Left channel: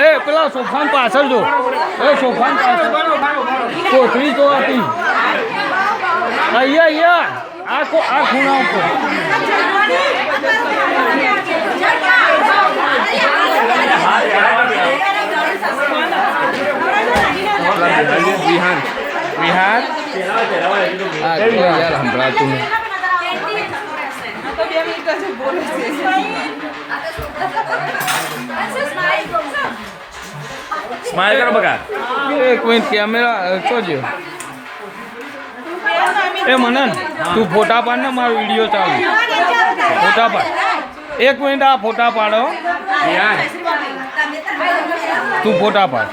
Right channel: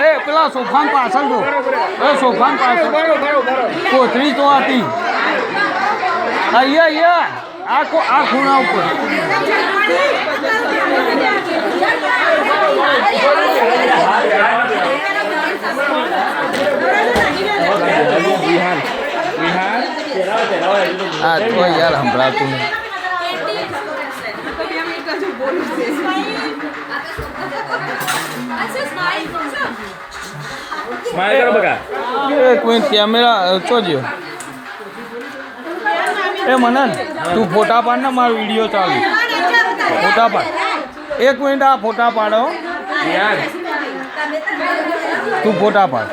એ પેલા સોફાન પાછળ જો એ સોફાન પાછળ કોથળી તો આપી અહીંયા આ ખૂણા ઉપર હા તો યાર સંભળાતું નહીં સ્માઈલ કરો બકા એક મિનિટ કેમેરા ચોજો એ મનન તું ફોટા પાડ ને મારો વિડીયો ચાલુ ફોટા પાડ એક મિનિટ આ ફોટા પાડો યાર તું ફોટા પાડ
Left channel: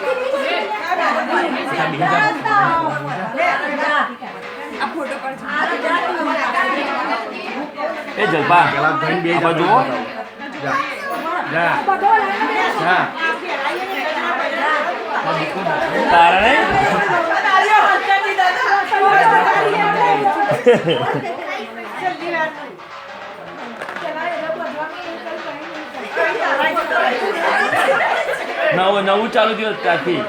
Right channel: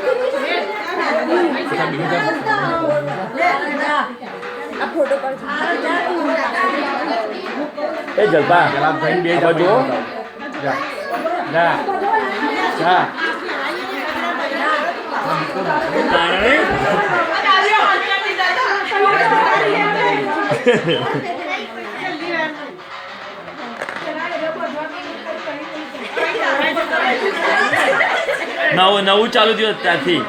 એ જલપા પેલા ભાઈ બે બાજુ જા જા જા તારા ને નવું ચાલુ થયું ત્યાંથી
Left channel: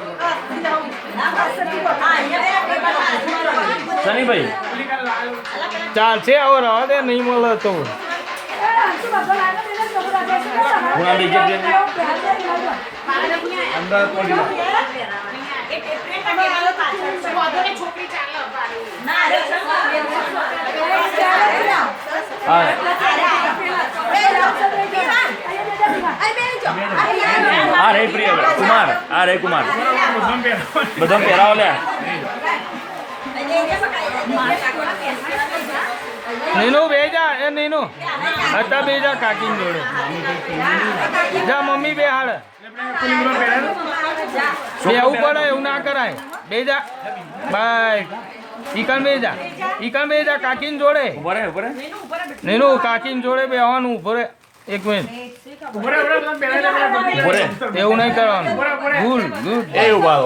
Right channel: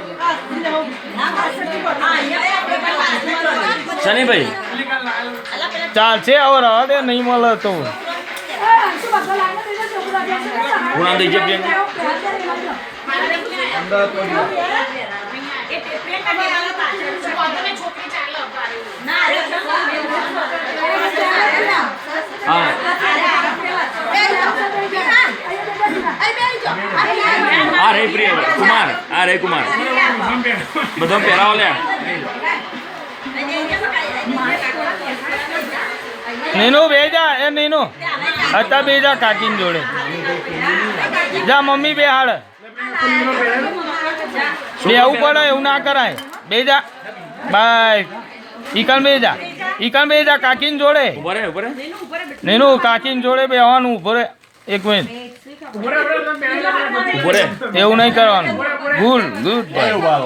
શનિભાઈ ચાલશે હવે રવા દે નહીં મળે તો ગુણા દઈ જશે આ રે પ્રિય કુમાર આ રે કુમાર બધા પહેરાવો લે નીનુ બેજા એ નીનુ હતા બેજા કાકીન જોડે જા મમ્મી બે હાડ બેવું પડે એવું ના કરાય બેજા બાય ઈકન બેજા કાકીન જોડે ઉભરે નીનુ કાકીન જોડે બેવાનું ઉભો રે એક મિનિટ ઉભરે એવું નહીં કરવાનું ગુડ એ ઉભા